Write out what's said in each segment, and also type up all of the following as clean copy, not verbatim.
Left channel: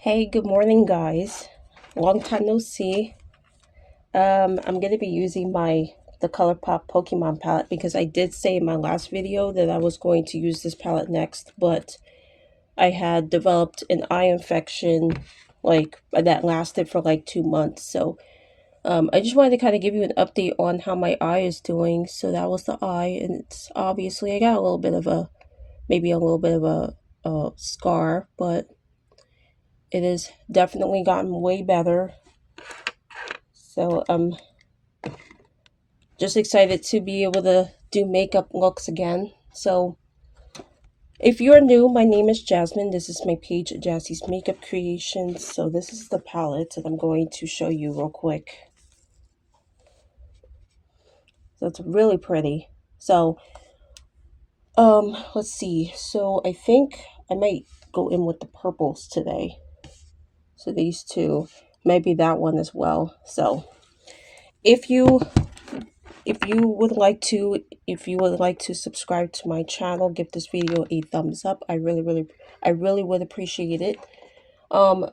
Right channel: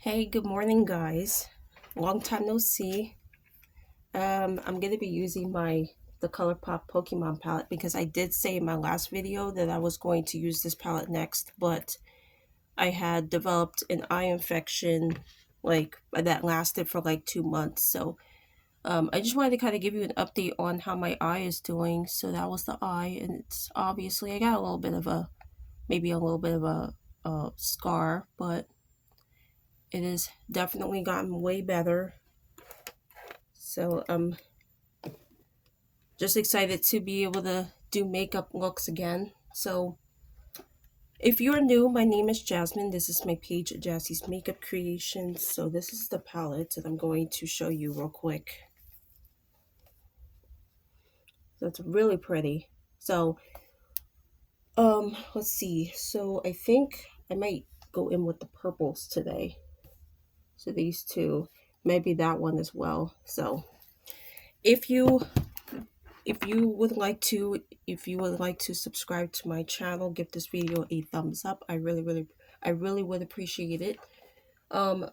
Hey, good morning, guys. Long time no see. I'm gonna be using the ColourPop Pokemon palette because I did say in my last video that I was going to use this palette next, but I had developed an eye infection that lasted for like 2 months. So I just wanted to kind of give you an update on how my eye is doing. So that was the eye, and it's obviously I got a little bit of a scar, but it has definitely gotten way better. So I'm just excited to be able to do makeup looks again. So if you're new, my name is Jasmine. This is my page, Jassie's Makeup Creations. So this is the palette that I'm going to show you real quick. So it's really pretty. So let's see. So I think I might go in with the purples today. So these two, maybe that one as well. So if you would like to subscribe to my channel, give this video a thumbs up. I really would appreciate it.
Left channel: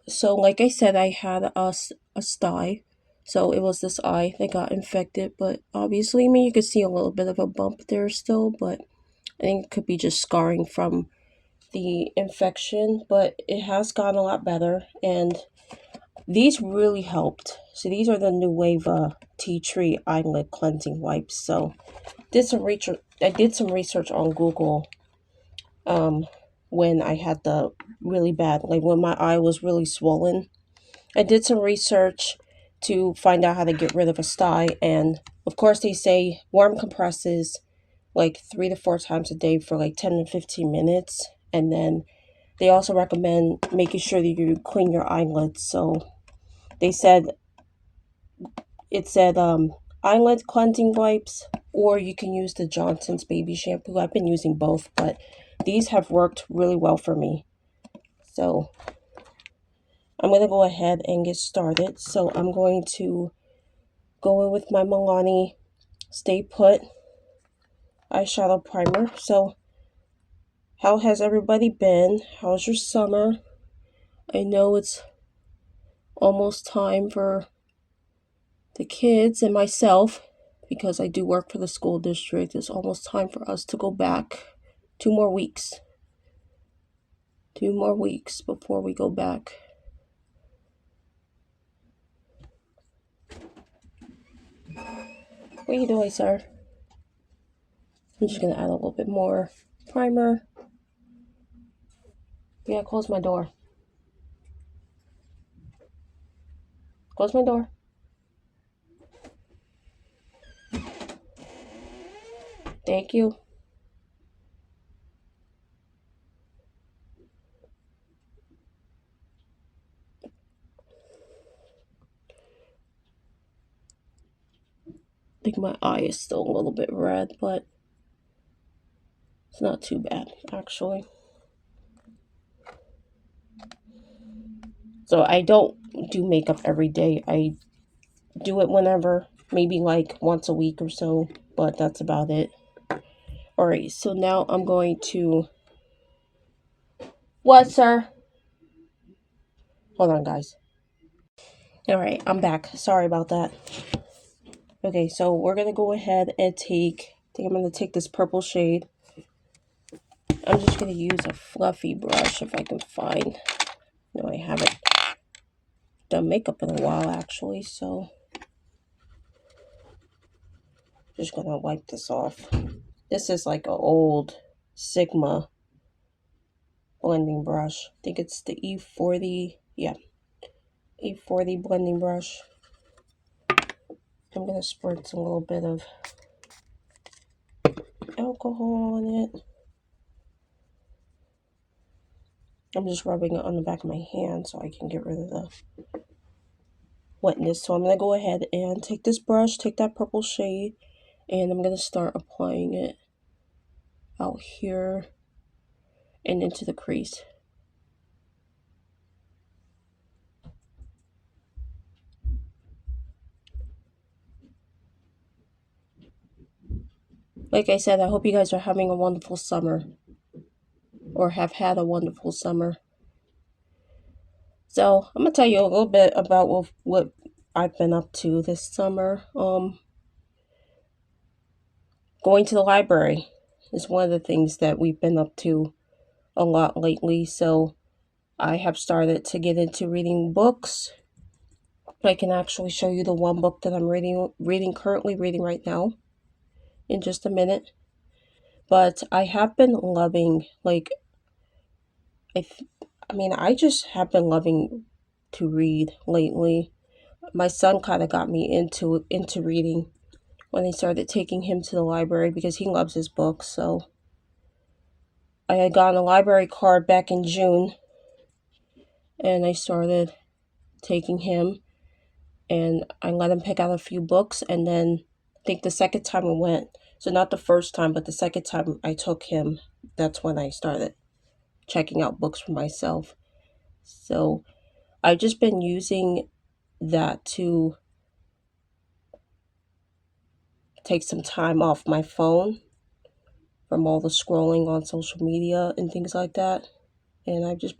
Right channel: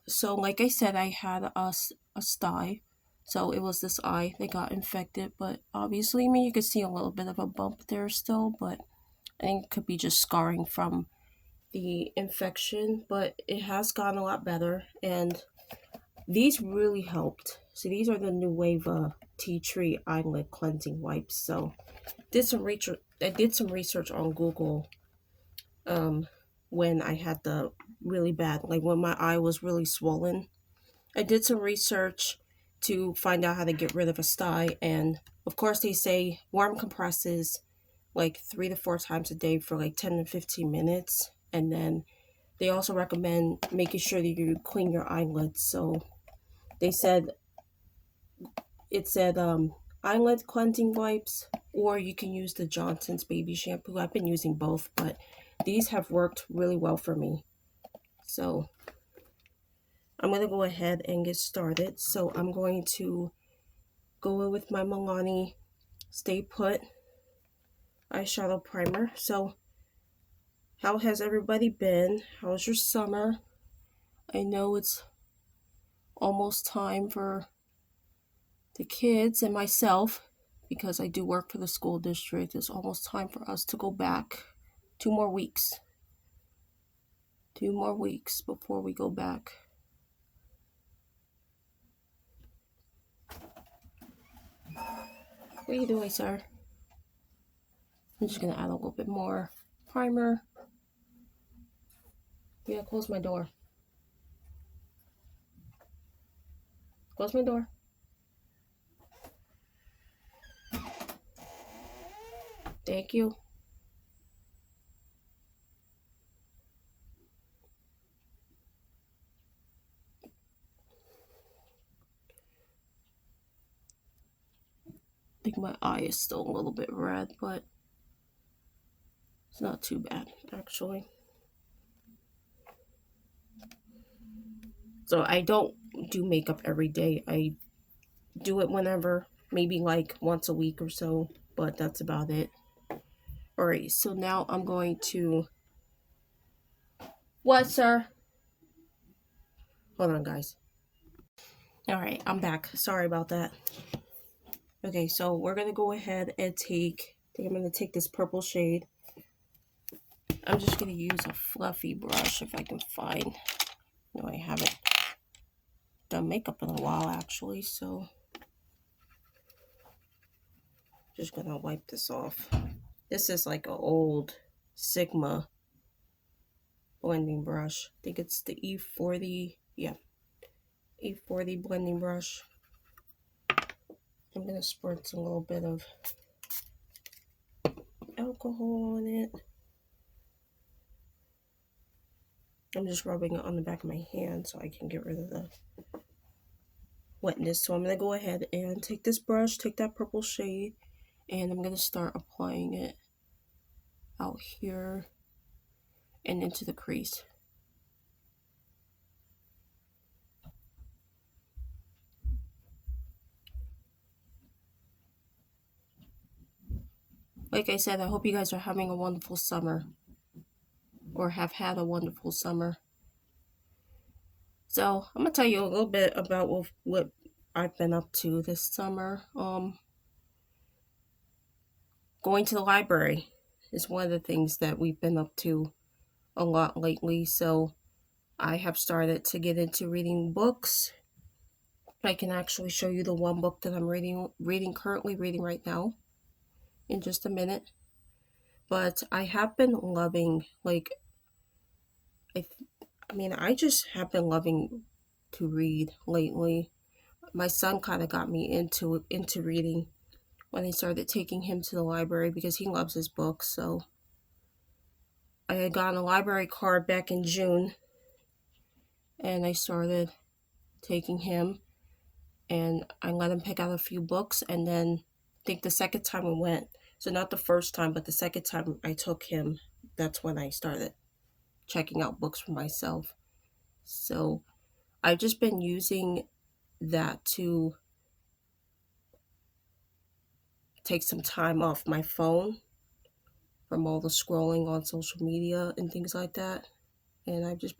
So like I said, I had a sty, so it was this eye that got infected, but obviously, I mean, you could see a little bit of a bump there still, but I think it could be just scarring from the infection, but it has gotten a lot better, and these really helped. So these are the new wave tea tree eyelid cleansing wipes. So I did some research on Google when I had the really bad, like when my eye was really swollen. I did some research to find out how to get rid of a sty, and of course they say warm compresses like 3 to 4 times a day for like 10 to 15 minutes, and then they also recommend making sure that you clean your eyelids. So they said eyelid cleansing wipes, or you can use the Johnson's baby shampoo. I've been using both, but these have worked really well for me. So I'm going to go ahead and get started. So I'm going to go in with my Milani Stay Put eyeshadow primer. So how has everybody been? How's your summer? I know it's almost time for the kids and myself, because I do work for the school district. It's almost time for us to go back. 2 more weeks. 2 more weeks before we go back. What are you doing, sir? I'm just gonna add a little bit more primer. Yeah, close my door. Close my door. Thank you. I think my eye is still a little bit red, but it's not too bad, actually. So I don't do makeup every day. I do it whenever, maybe like once a week or so, but that's about it. Alright, so now I'm going to... What, sir? Hold on, guys. Alright, I'm back. Sorry about that. Okay, so we're going to go ahead and I think I'm going to take this purple shade. I'm just going to use a fluffy brush if I can find... No, I haven't done makeup in a while, actually, so... Just going to wipe this off. This is like an old Sigma blending brush. I think it's the E40. Yeah, E40 blending brush. I'm going to spritz a little bit of alcohol on it. I'm just rubbing it on the back of my hand so I can get rid of the wetness. So I'm going to go ahead and take this brush, take that purple shade, and I'm going to start applying it out here and into the crease. Like I said, I hope you guys are having a wonderful summer, or have had a wonderful summer. So I'm gonna tell you a little bit about what I've been up to this summer. Going to the library is one of the things that we've been up to a lot lately. So I have started to get into reading books. I can actually show you the one book that I'm currently reading right now in just a minute. But I have been loving, like, I just have been loving to read lately. My son kind of got me into reading when I started taking him to the library because he loves his books. So I had gotten a library card back in June, and I started taking him, and I let him pick out a few books. And then I think the second time we went, so not the first time, but the second time I took him, that's when I started checking out books for myself. So I've just been using that to take some time off my phone from all the scrolling on social media and things like that. And I just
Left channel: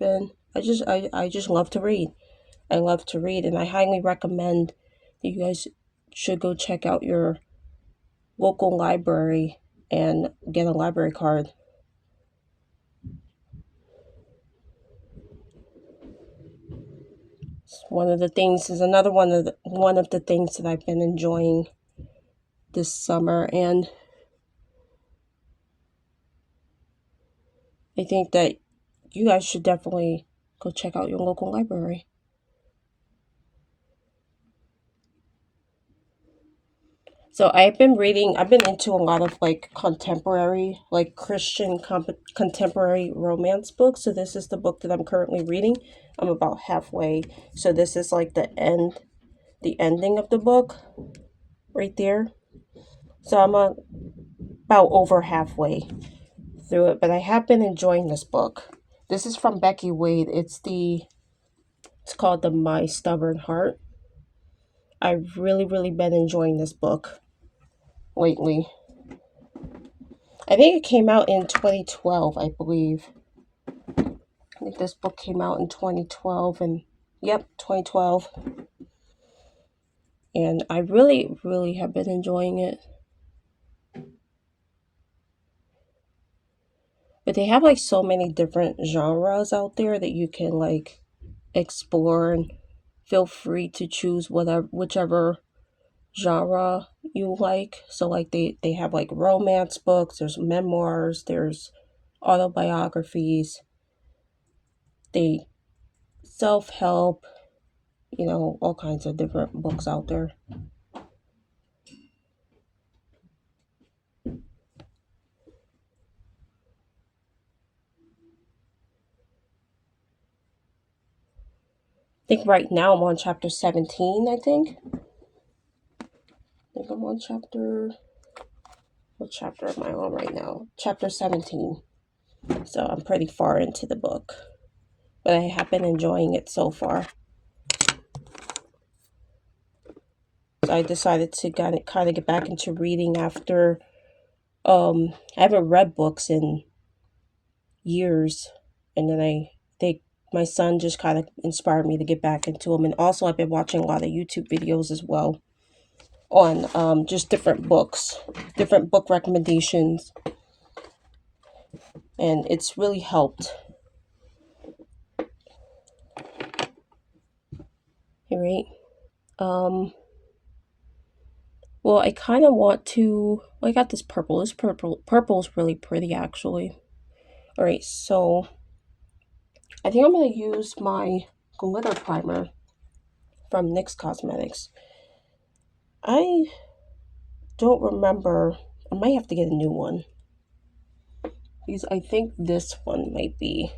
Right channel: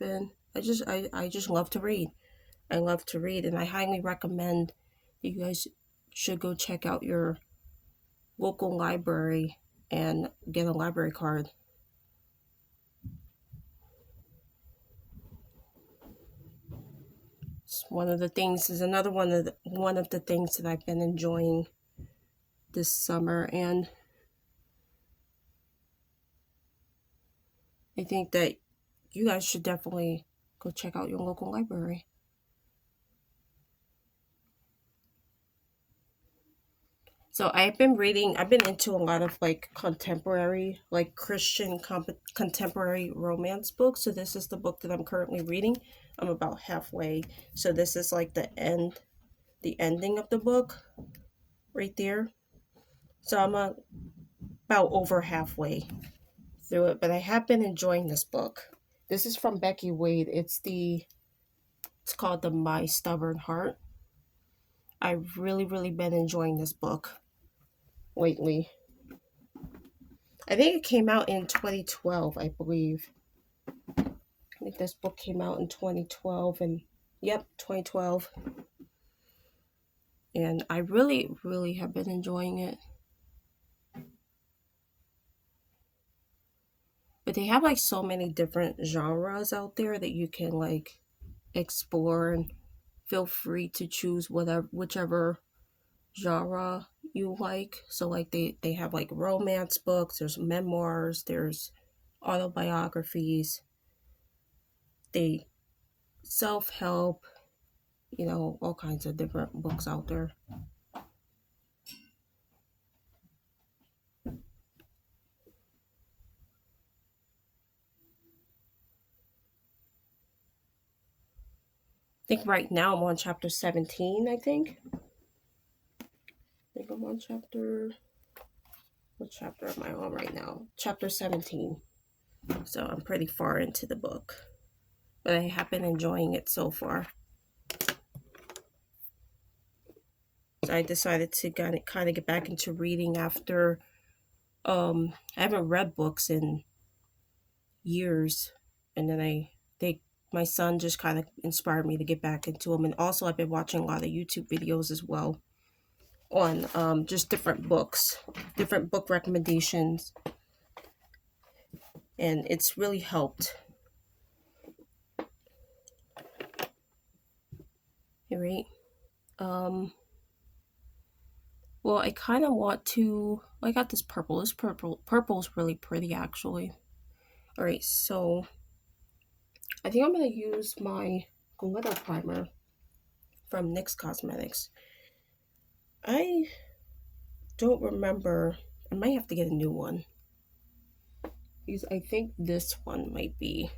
love to read. I love to read, and I highly recommend that you guys should go check out your local library and get a library card. One of the things is another one of the things that I've been enjoying this summer, and I think that you guys should definitely go check out your local library. So I've been into a lot of like contemporary, like Christian contemporary romance books. So this is the book that I'm currently reading. I'm about halfway. So this is like the ending of the book right there. So I'm about over halfway through it, but I have been enjoying this book. This is from Becky Wade. It's called The My Stubborn Heart. I've really been enjoying this book lately. I think it came out in 2012, I believe. I think this book came out in 2012, and yep, 2012. And I really have been enjoying it. But they have like so many different genres out there that you can like explore, and feel free to choose whichever genre you like. So like they have like romance books, there's memoirs, there's autobiographies, they self-help, all kinds of different books out there. I think right now I'm on chapter 17, I think. I'm on what chapter am I on right now? Chapter 17. So I'm pretty far into the book, but I have been enjoying it so far. So I decided to kind of get back into reading after I haven't read books in years, and then my son just kind of inspired me to get back into them. And also I've been watching a lot of YouTube videos as well on just different book recommendations, and it's really helped. All right. Well, I kind of want to. I got this purple. Purple is really pretty, actually. All right, so I think I'm gonna use my glitter primer from NYX Cosmetics. I don't remember. I might have to get a new one, because I think this one might be.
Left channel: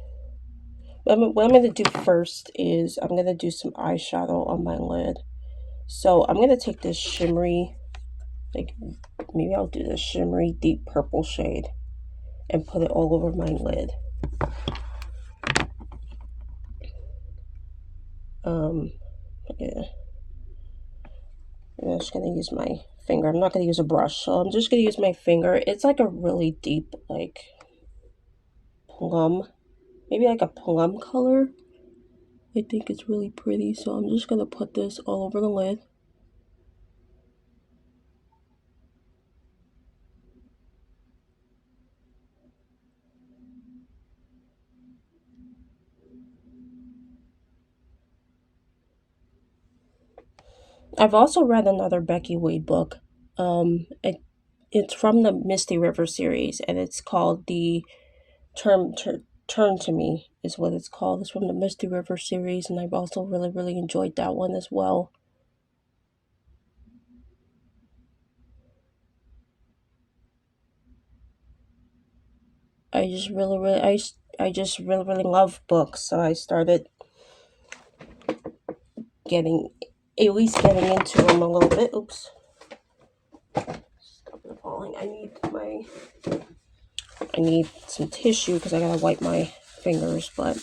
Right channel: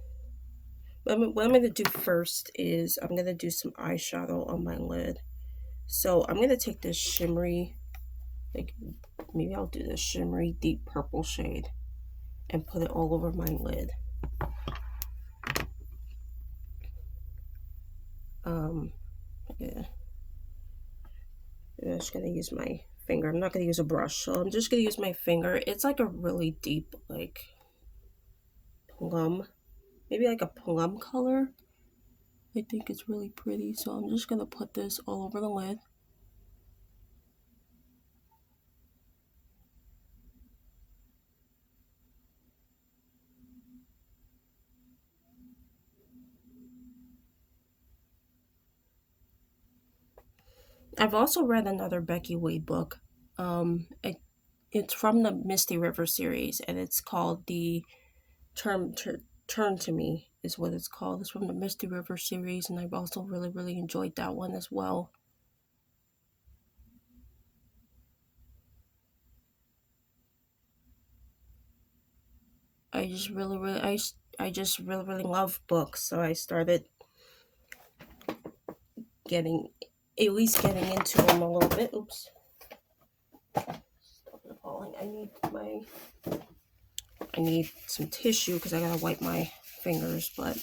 What I'm going to do first is I'm going to do some eyeshadow on my lid. So I'm going to take this shimmery, like maybe I'll do this shimmery deep purple shade and put it all over my lid. Yeah. I'm just going to use my finger. I'm not going to use a brush, so I'm just going to use my finger. It's like a really deep, like plum, maybe like a plum color. I think it's really pretty, so I'm just going to put this all over the lid. I've also read another Becky Wade book. It's from the Misty River series, and it's called the Turn to Me is what it's called. It's from the Misty River series, and I've also really enjoyed that one as well. I just I just really love books, so I started getting at least getting into them a little bit. Oops. Stop it falling. I need some tissue because I gotta wipe my fingers, but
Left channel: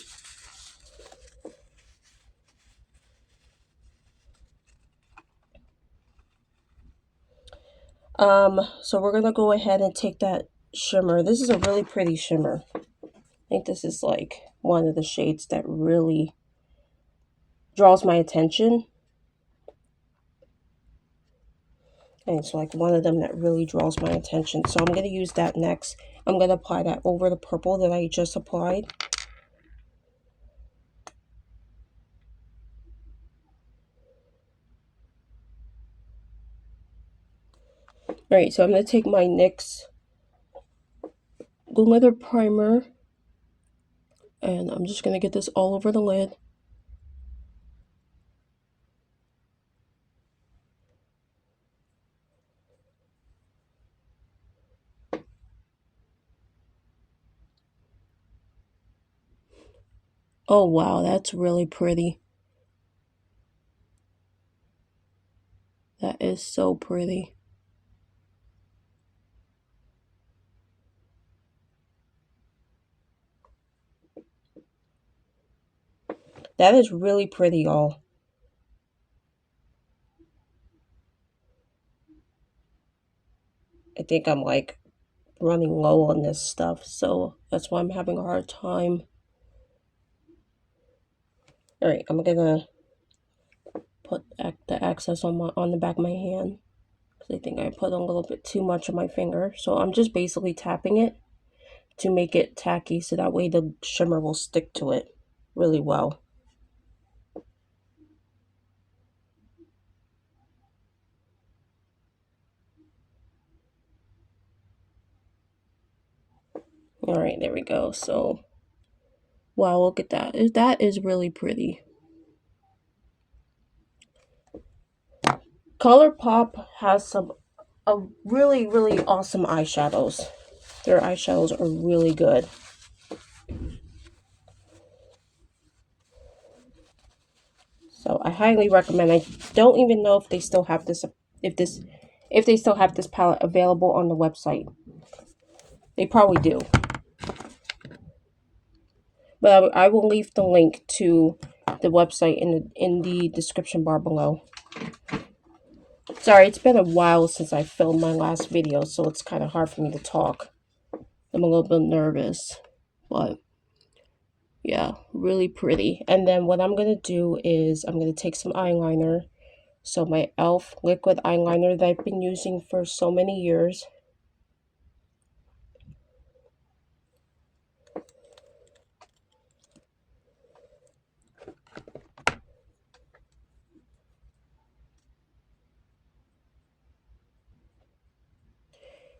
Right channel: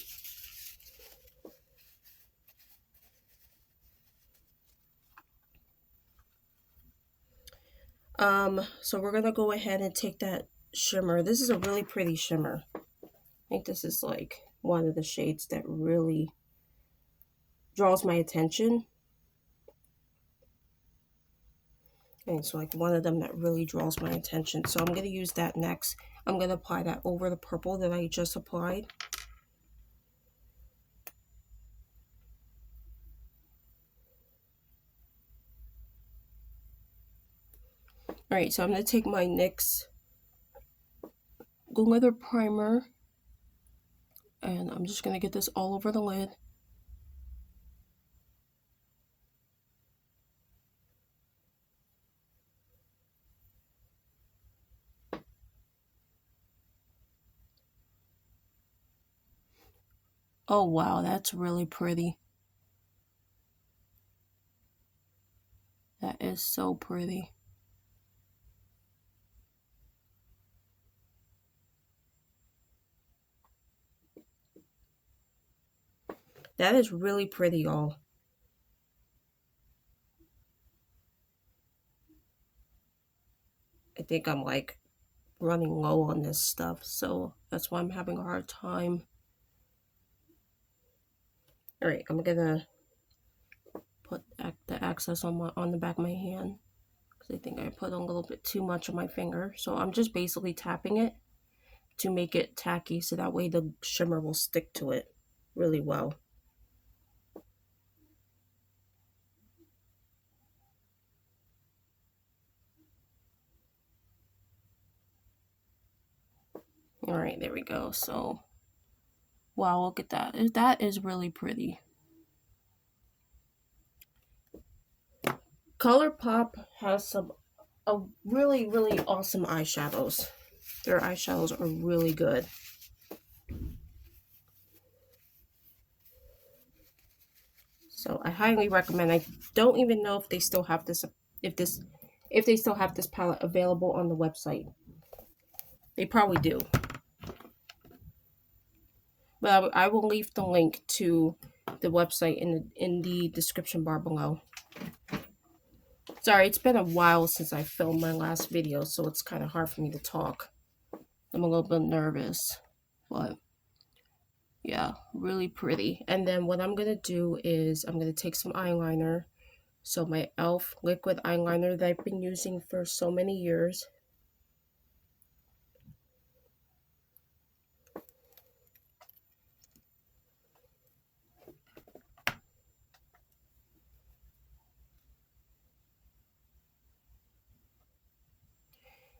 so we're gonna go ahead and take that shimmer. This is a really pretty shimmer. I think this is like one of the shades that really draws my attention. And it's like one of them that really draws my attention. So I'm going to use that next. I'm going to apply that over the purple that I just applied. Alright, so I'm going to take my NYX glitter primer. And I'm just going to get this all over the lid. Oh wow, that's really pretty. That is so pretty. That is really pretty, y'all. I think I'm like running low on this stuff, so that's why I'm having a hard time. Alright, I'm gonna put the excess on the back of my hand. I think I put a little bit too much on my finger. So I'm just basically tapping it to make it tacky so that way the shimmer will stick to it really well. All right, there we go. So, wow, look at that. That is really pretty. ColourPop has a really awesome eyeshadows. Their eyeshadows are really good. So I highly recommend. I don't even know if they still have this if they still have this palette available on the website. They probably do. But I will leave the link to the website in the description bar below. Sorry, it's been a while since I filmed my last video, so it's kind of hard for me to talk. I'm a little bit nervous, but yeah, really pretty. And then what I'm going to do is I'm going to take some eyeliner. So my e.l.f. liquid eyeliner that I've been using for so many years.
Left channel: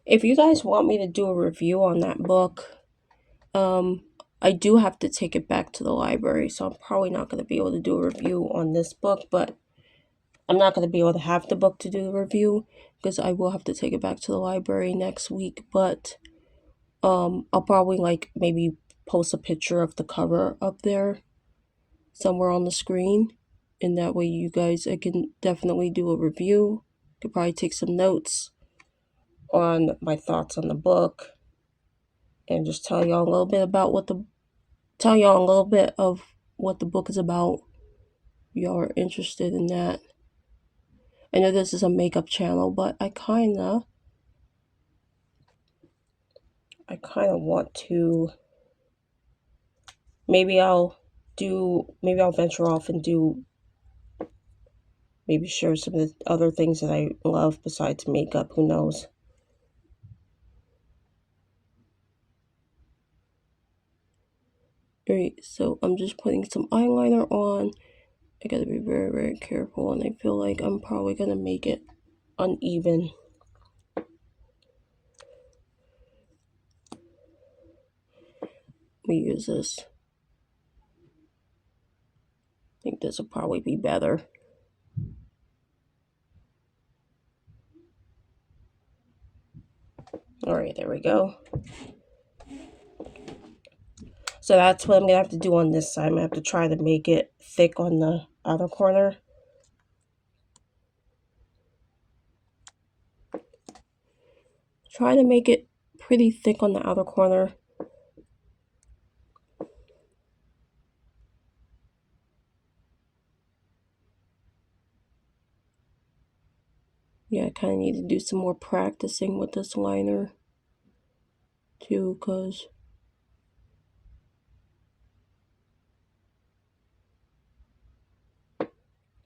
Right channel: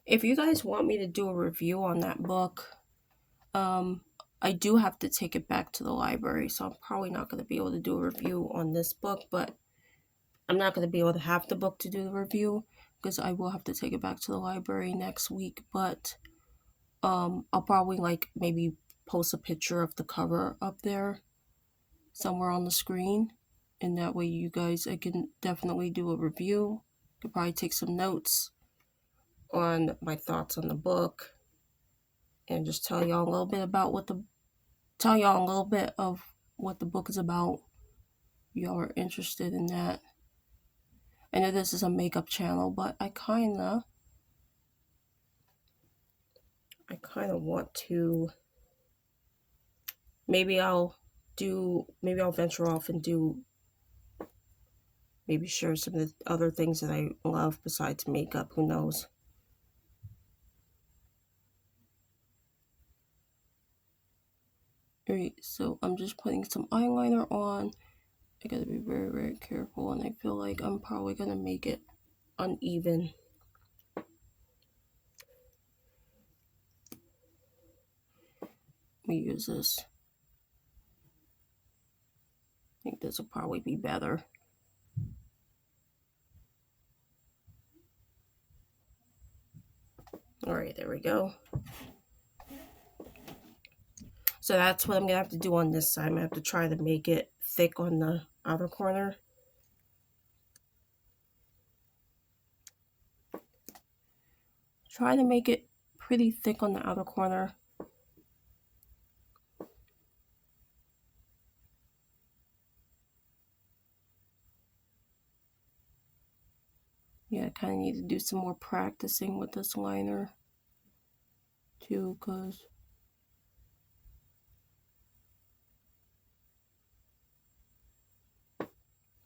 If you guys want me to do a review on that book, I do have to take it back to the library, so I'm probably not going to be able to do a review on this book, but I'm not going to be able to have the book to do the review because I will have to take it back to the library next week, but I'll probably like maybe post a picture of the cover up there somewhere on the screen, and that way you guys, I can definitely do a review. Could probably take some notes on my thoughts on the book and just tell y'all a little bit about what the book is about. Y'all are interested in that. I know this is a makeup channel, but I kind of want to, maybe I'll maybe I'll venture off and maybe share some of the other things that I love besides makeup. Who knows? Alright, so I'm just putting some eyeliner on. I gotta be very, very careful, and I feel like I'm probably gonna make it uneven. We use this. I think this will probably be better. Alright, there we go. So that's what I'm gonna have to do on this side. I'm gonna have to try to make it thick on the other corner. Try to make it pretty thick on the outer corner. Yeah, I kind of need to do some more practicing with this liner too, because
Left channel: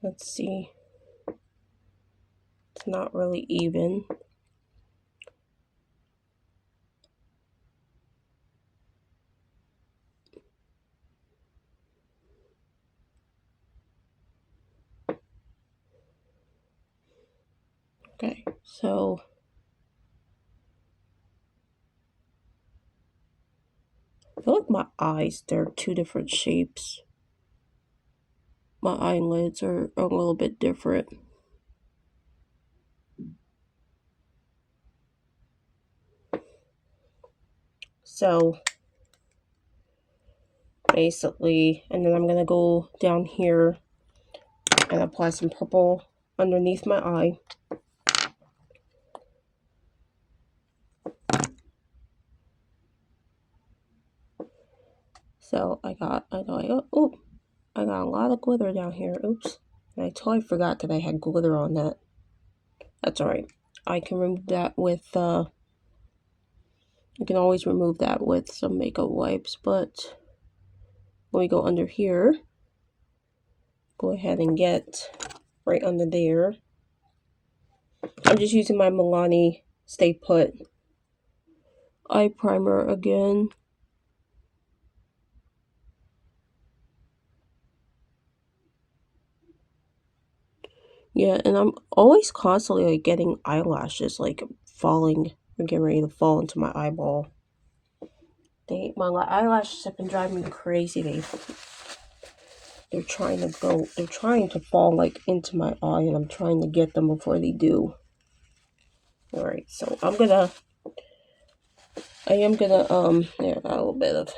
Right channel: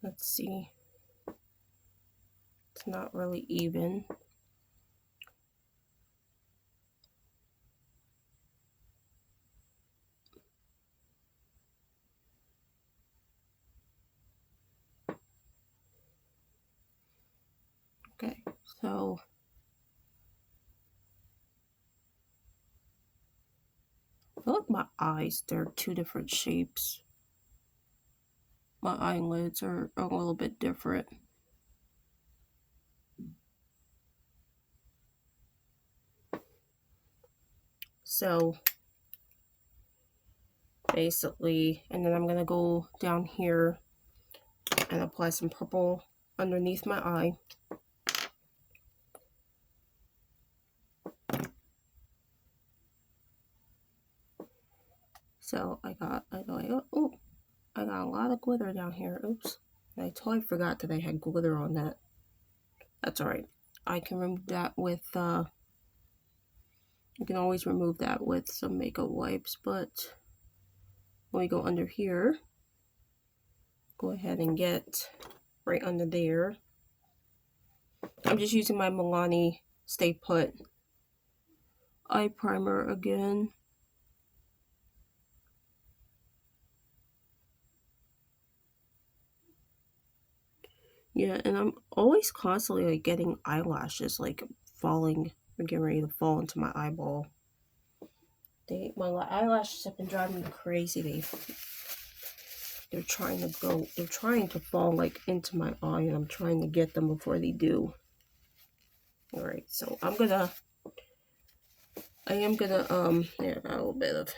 let's see, it's not really even. Okay, so I feel like my eyes, they're two different shapes. My eyelids are a little bit different. So basically, and then I'm gonna go down here and apply some purple underneath my eye. So I got a lot of glitter down here. Oops. And I totally forgot that I had glitter on that. That's alright. I can remove that with, you can always remove that with some makeup wipes, but when we go under here, go ahead and get right under there. I'm just using my Milani Stay Put eye primer again. Yeah, and I'm always constantly like getting eyelashes like falling or getting ready to fall into my eyeball. My eyelashes have been driving me crazy. They're trying to fall like into my eye, and I'm trying to get them before they do. Alright, so I am gonna there, I got a little bit of.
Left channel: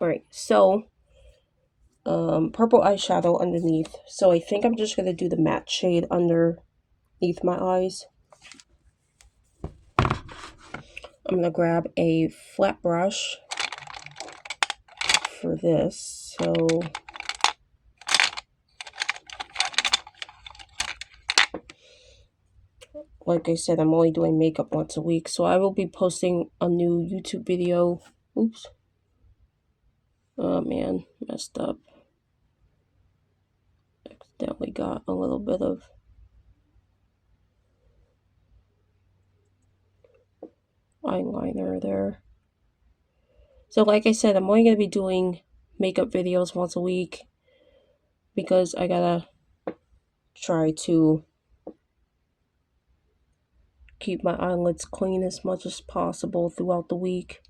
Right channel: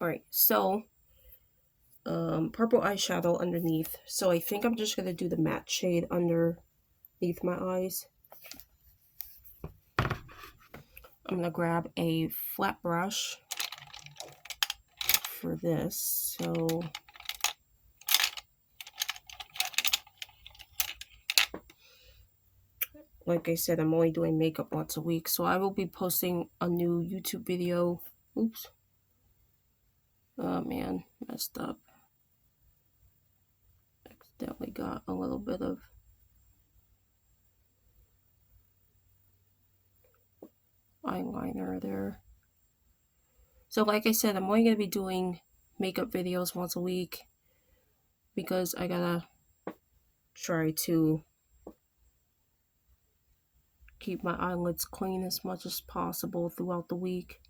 Alright, so purple eyeshadow underneath. So I think I'm just gonna do the matte shade underneath my eyes. I'm gonna grab a flat brush for this. So like I said, I'm only doing makeup once a week, so I will be posting a new YouTube video. Oops. Oh man, messed up. Accidentally got a little bit of eyeliner there. So like I said, I'm only going to be doing makeup videos once a week because I gotta try to keep my eyelids clean as much as possible throughout the week.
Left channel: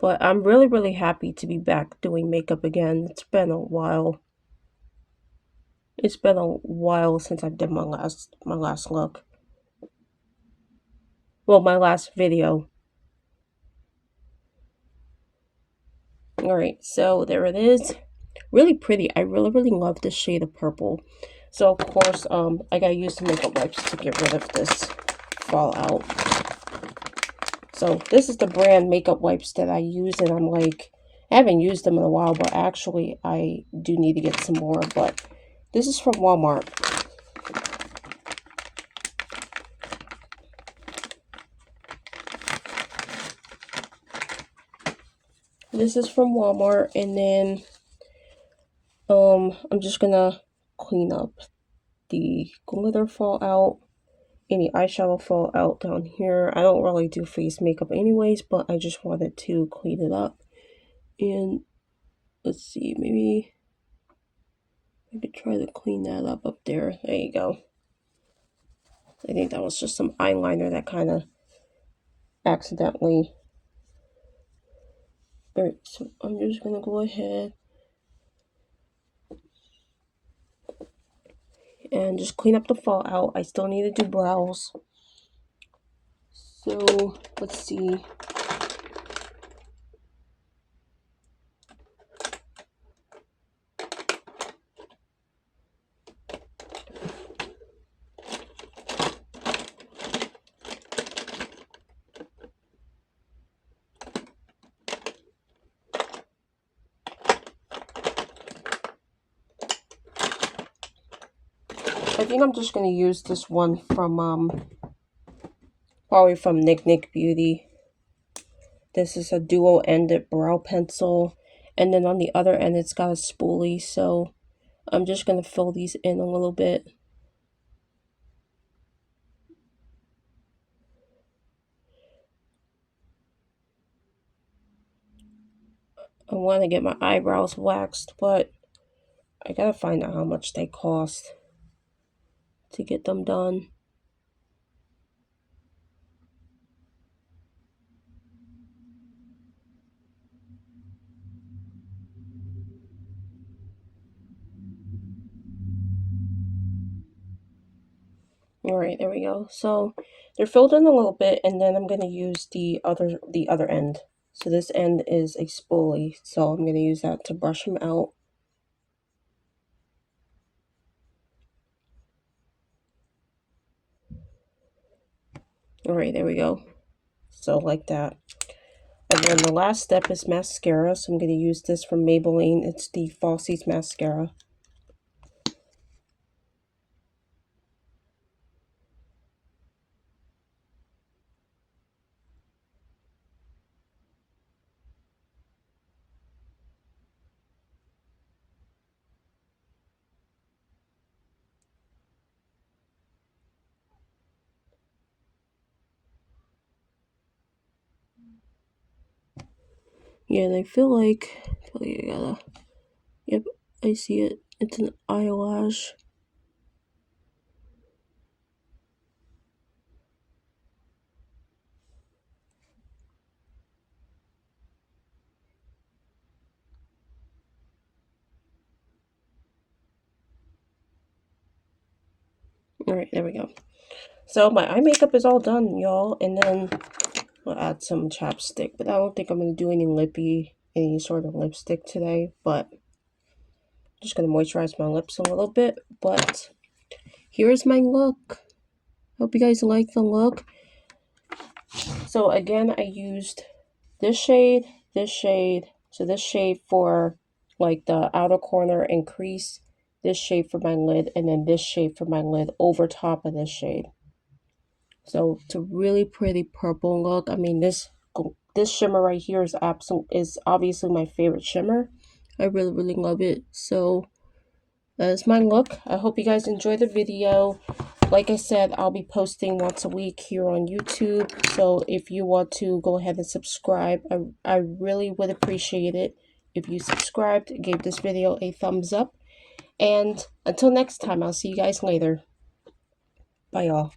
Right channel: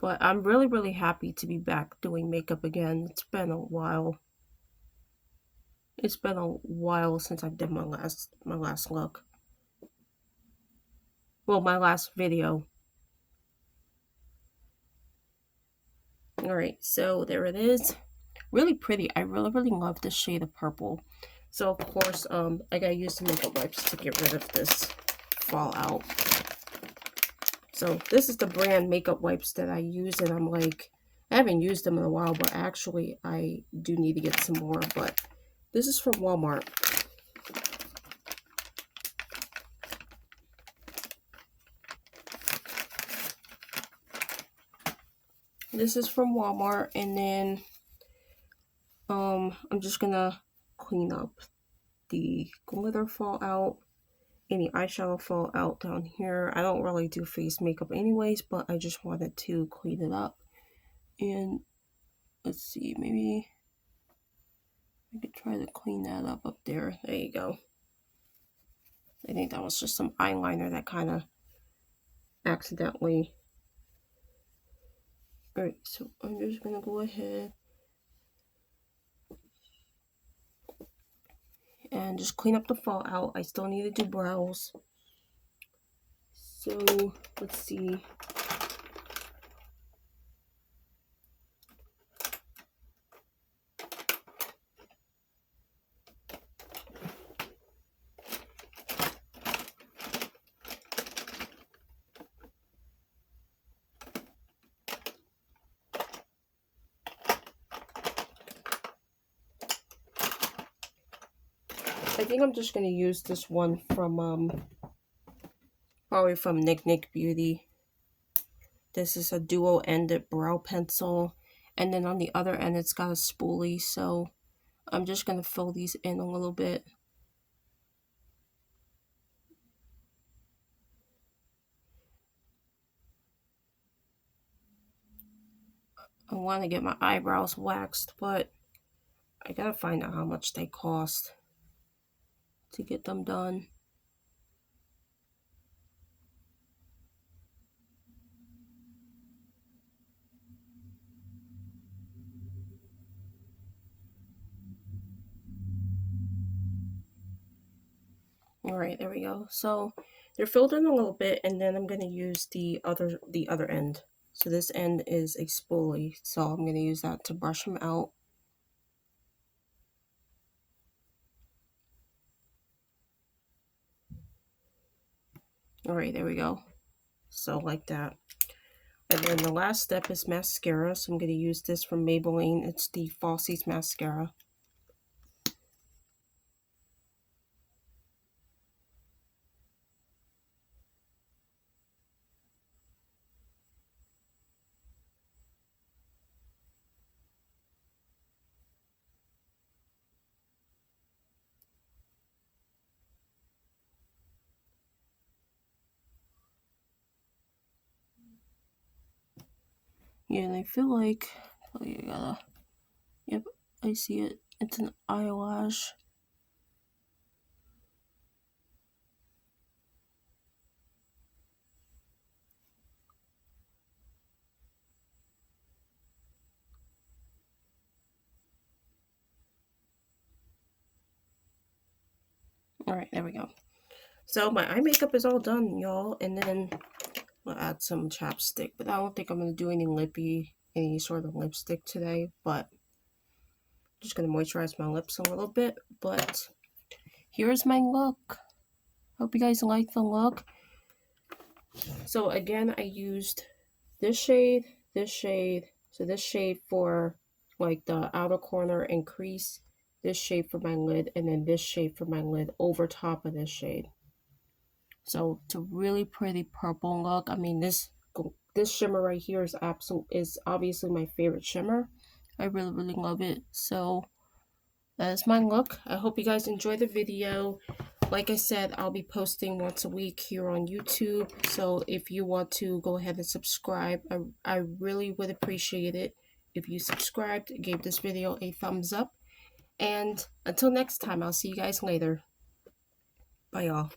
But I'm really, really happy to be back doing makeup again. It's been a while. It's been a while since I did my last look. Well, my last video. Alright, so there it is. Really pretty. I really, really love this shade of purple. So, of course, I gotta use some makeup wipes to get rid of this fallout. So, this is the brand makeup wipes that I use, and I'm like, I haven't used them in a while, but actually, I do need to get some more. But this is from Walmart. This is from Walmart, and then I'm just gonna clean up the glitter fallout, any eyeshadow fallout down here. I don't really do face makeup anyways, but I just wanted to clean it up. And let's see, maybe I could try to clean that up there. There you go. I think that was just some eyeliner that kind of accidentally. Alright, so I'm just gonna go ahead and just clean up the fallout. I still need to do brows. So let's see. I think I'm just going to use this one from, probably from Nick Beauty. This is a dual-ended brow pencil. And then on the other end, it's got a spoolie. So I'm just going to fill these in a little bit. I want to get my eyebrows waxed, but I got to find out how much they cost to get them done. Alright, there we go. So they're filled in a little bit, and then I'm going to use the other end. So this end is a spoolie, so I'm going to use that to brush them out. Alright, there we go. So like that. And then the last step is mascara. So I'm going to use this from Maybelline. It's the Falsies mascara. Yeah, and I feel like, yep, I see it. It's an eyelash. Alright, there we go. So my eye makeup is all done, y'all. And then we'll add some chapstick. But I don't think I'm going to do any sort of lipstick today. But I'm just going to moisturize my lips a little bit. But here's my look. Hope you guys like the look. So again, I used this shade. So this shade for like the outer corner and crease. This shade for my lid. And then this shade for my lid over top of this shade. So it's a really pretty purple look. I mean, this shimmer right here is obviously my favorite shimmer. I really love it. So that is my look. I hope you guys enjoy the video. Like I said, I'll be posting once a week here on YouTube. So if you want to go ahead and subscribe, I really would appreciate it if you subscribed, gave this video a thumbs up. And until next time, I'll see you guys later. Bye, y'all.